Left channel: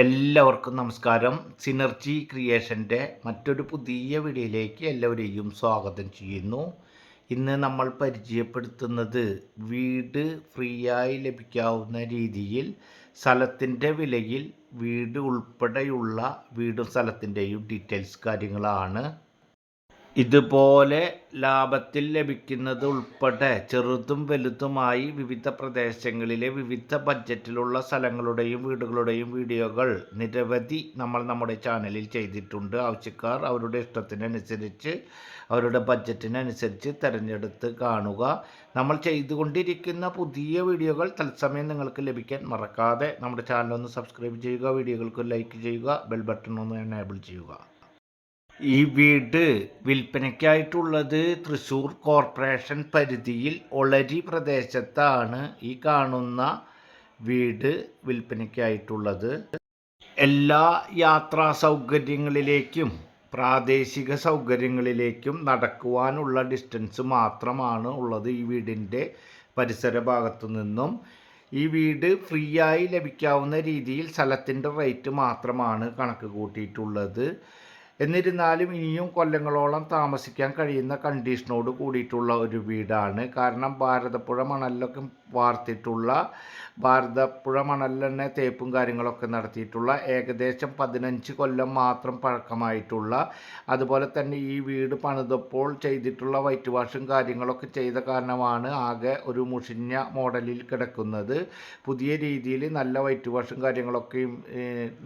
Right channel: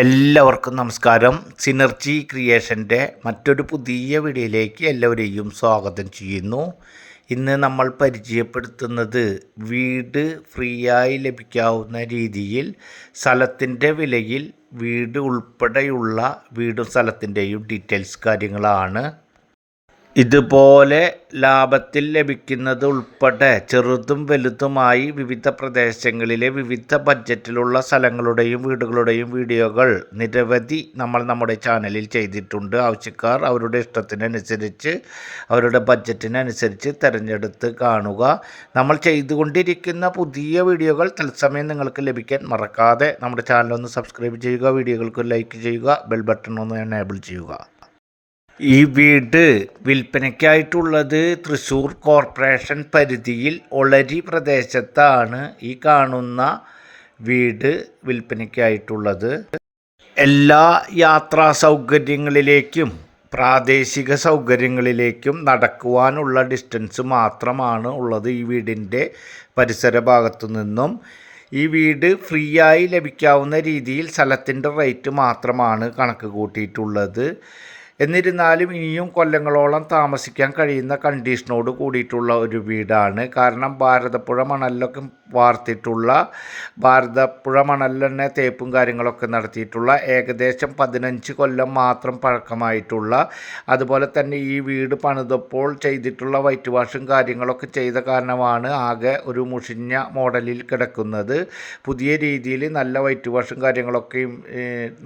എല്ലാവർക്കും നമസ്കാരം. സിനർജി ക്രിയേഷൻ്റെ മറ്റൊരു പുതിയ വീഡിയോയിലേക്ക് എല്ലാവരെയും സ്വാഗതം ചെയ്യുന്നു. ഇന്ന് നമ്മൾ പരിചയപ്പെടുത്തുന്നത് വീട് ഫ്രീ ആയി ലഭിക്കാവുന്ന രീതിയിൽ സ്ഥലത്തിൻ്റെ വിലയിൽ വീട് ഉൾപ്പെടെയുള്ള വീടും സ്ഥലത്തിൻ്റെയും ഡീറ്റെയിൽസ് കാര്യങ്ങളാണ്. ഇതുപോലെ ലാഭത്തിൽ ലഭിക്കുന്നത് ഉൾപ്പെടെ ചെറുതും വലുതുമായി വിവിധ പ്രദേശങ്ങളിലെ വിവിധ ബഡ്ജറ്റിലുള്ള സ്ഥലങ്ങളുടെയും വീടുകളുടെയും വീഡിയോകൾ നിരവധി നമ്മൾ നമ്മുടെ ചാനലിൽ ചെയ്തിട്ടുണ്ട്. ആവശ്യക്കാർ അവരുടെ ഇഷ്ടത്തിനനുസരിച്ച് അവരുടെ ബഡ്ജറ്റിനനുസരിച്ച് തിരഞ്ഞെടുത്ത് കാണുക. നമ്മൾ ചെയ്തുകൊണ്ടിരിക്കുന്ന പുതിയ വീഡിയോകൾ തത്സമയം നിങ്ങൾക്ക് ലഭിക്കാൻ മറക്കാതെ നമ്മുടെ ചാനലൊന്ന് സബ്സ്ക്രൈബ് ചെയ്യുക, വീഡിയോകൾക്ക് ലൈക്ക് ചെയ്യുക, ബെൽ ബട്ടൺ ഒന്ന് എനേബിൾ ചെയ്യുക. ഈ വീട് വിൽപ്പനയ്ക്കായിട്ടുള്ളത് തൃശ്ശൂർ കോർപ്പറേഷൻ പരിധിയിൽ ഒളരി പ്രദേശത്താണ് ഈ കാണുന്ന വീട് വിൽപ്പനയ്ക്കായിട്ടുള്ളത്. എല്ലാ യാത്രാ സൗകര്യങ്ങളിലേക്കും പ്രാദേശിക സൗകര്യങ്ങളിലേക്കും നടക്കുവാനുള്ള ഡിസ്റ്റൻസ് മാത്രമാണ് ഉള്ളത് ഈ വീടിൻ്റെ പരിസര ഭാഗത്തു നിന്നും. ഈ വീട് ഫ്രീ ആയി ലഭിക്കാവുന്ന രീതിയിൽ സ്ഥലത്തിൻ്റെ റേറ്റ് മാത്രമാണ് കണക്ക് കൂട്ടിയിട്ടുള്ളത്. എന്നിരുന്നാലും ഇനിയും കൊല്ലങ്ങളോളം താമസിക്കാൻ കഴിയുന്ന കണ്ടീഷനോട് കൂടിയിട്ടുള്ള ഒരു വീടാണ്. കാരണം ഭാരതപ്പുഴ മണലിലൊക്കെ വാർത്തിട്ടുള്ള, ഭാരതപ്പുഴ മണലിൽ തന്നെ തേപ്പും കാര്യങ്ങളൊക്കെ നടത്തിയിട്ടുള്ള, ഏകദേശം 15 കൊല്ലം മാത്രം പഴക്കമായിട്ടുള്ള, അതുപോലെ തന്നെ ഈ വീട് പണിതപ്പോൾ ചെയ്തിട്ടുള്ള വൈറ്റ് വാഷും കാര്യങ്ങളൊക്കെ ചെയ്ത കാരണമാണ് ആകെ ഒരു മുഷിഞ്ഞ മോഡലിൽ കിടക്കുന്നത്. പുതിയ രീതിയിൽ നല്ല വൈറ്റ് വാഷും കാര്യങ്ങളൊക്കെയും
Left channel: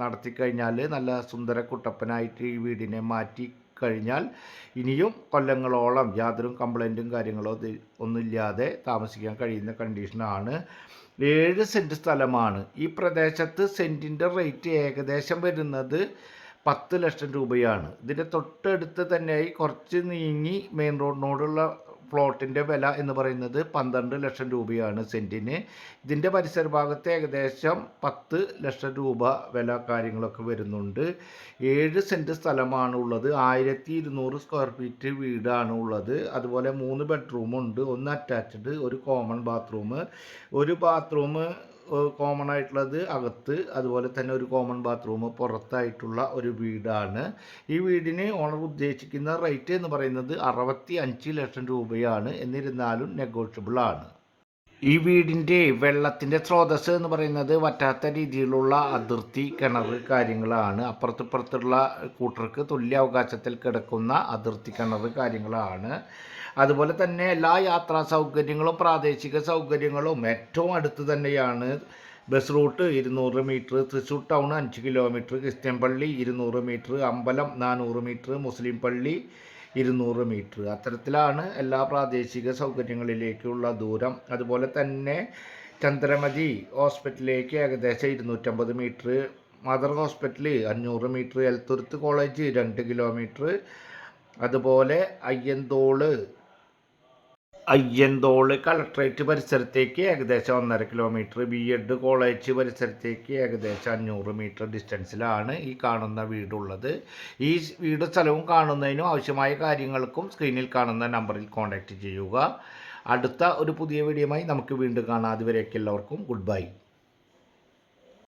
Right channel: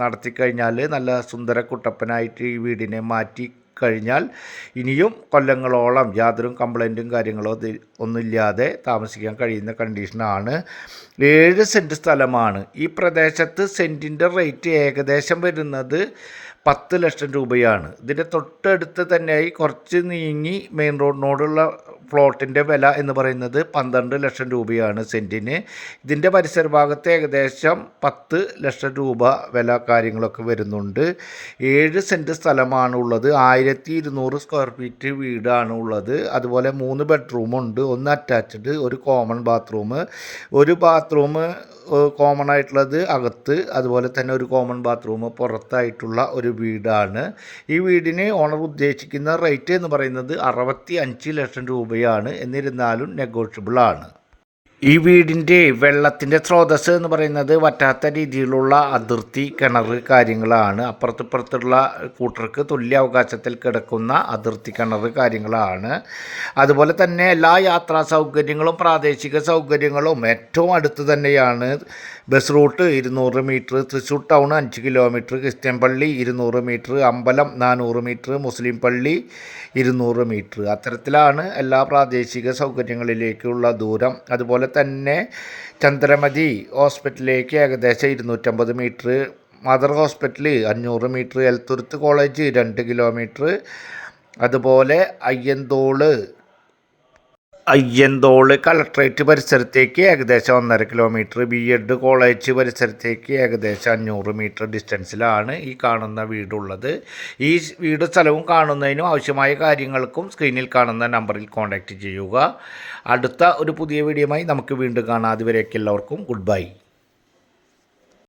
നടത്തിക്കഴിഞ്ഞാൽ നല്ല സുന്ദര കുട്ടപ്പനായിട്ട് ഈ വീടിനെ മാറ്റി കഴിഞ്ഞാൽ ഇനിയും കൊല്ലങ്ങളോളം യാതൊരു കംപ്ലൈൻറ്റും കാര്യങ്ങളോ ഒന്നുമില്ലാതെ താമസിക്കാൻ കഴിയുന്ന കണ്ടീഷനാണ്. 7 സെൻറ്റ് സ്ഥലമാണ്. ഈ പ്രദേശത്ത് സെൻറ്റിൻ്റെ റേറ്റ് ഏകദേശം വരുന്നത് 10 ലക്ഷം രൂപയാണ്. ഇതിൻ്റെ തൊട്ടടുത്ത് തന്നെയായി കുറച്ച് നീങ്ങി മെയിൻ റോഡിനോടുള്ള പ്ലോട്ടിൻ്റെ വില എന്ന് പറയുന്നത് 12 ലക്ഷം രൂപയാണ് സെൻറ്റിന്. ഇതിൻ്റെ പരിസര ഭാഗത്ത് ഏകദേശം 10 ലക്ഷം രൂപ വില കാര്യങ്ങളൊക്കെ വരുന്നുണ്ട്. 7 സെൻറ്റ് സ്ഥലമാണ് ഉള്ളത്. 1200 സ്ക്വയർ ഫീറ്റ് വീടാണ് ഉള്ളത്. അതുപോലെ 3 ബെഡ്റൂമുണ്ട്, 1 അറ്റാച്ച്ഡ്, ഒരു കോമൺ ബാത്റൂം. ഒരു ബാത്റൂം കോമൺ ആയിട്ടുള്ളത് അകത്ത്, അതുപോലെ തന്നെ ഒരു കോമൺ ബാത്റൂം പുറത്തായിട്ടുള്ള ഒരു വീടാണ്. ഈ വീടിന് ഓണർ ഉദ്ദേശിക്കുന്ന റേറ്റ് എന്ന് പറയുന്നത് 65 ലക്ഷം രൂപയാണ്. എന്നിരുന്നാലും നെഗോഷ്യബിളാണ്. ഈ വീടിൻ്റെ വെള്ളത്തിൻ്റെ സ്രോതസ്സ് എന്ന് പറയുന്നത് വറ്റാത്ത രീതിയിലുള്ള അതിർത്തി കിണർ കാര്യങ്ങളാണ്. അപ്പുറത്തിപ്പുറത്തുള്ള കൂട്ടർക്ക് തുല്യ അവകാശത്തിൽ കിടക്കുന്ന അതിർത്തി കിണർ കാര്യങ്ങളാണ്. അതുപോലെ തന്നെ എല്ലാ യാത്രാ സൗകര്യങ്ങളും പ്രാദേശിക സൗകര്യങ്ങളും ഏറ്റവും അടുത്ത് തന്നെയാണ്. Bus route 200 metre, Thrissur town 5 kilometre, Christian പള്ളി 200 മീറ്റർ, അമ്പലം 400 മീറ്റർ, മുസ്ലിം പള്ളി 200 മീറ്റർ. അത്തരത്തിലാണ് എല്ലാ പ്രാദേശിക സൗകര്യങ്ങളിലേക്കുള്ള ദൂരം. അതുപോലെ തന്നെ ചന്ദ്രമതി ഹോസ്പിറ്റലിലേക്ക് ഏകദേശം 250 metre, mother hospital 500 metre, Elthuruth college 2 kilometre, അതുപോലെ അയ്യന്തോള് കളക്ട്രേറ്റ് പരിസരത്തേക്ക് ഏകദേശം 1.5 കിലോമീറ്റർ, BEd കോളേജ് പരിസരത്തേക്ക് ഏകദേശം 500 മീറ്റർ ഡിസ്റ്റൻസിലാണ് ഈ കാണുന്ന വീടുള്ളത്. ഈ വീട് സ്ഥലവും കാണുന്നതിനും ആവശ്യമായ കാര്യങ്ങൾക്കും സ്ക്രീനിൽ കാണുന്ന നമ്പറിൽ കോൺടാക്റ്റ് ചെയ്യുക. അടുത്ത ഒരു പുതിയ വീഡിയോയുമായി നമുക്ക് വീണ്ടും കാണാം. അതുവരേക്കും എല്ലാവർക്കും ഗുഡ് ബൈ.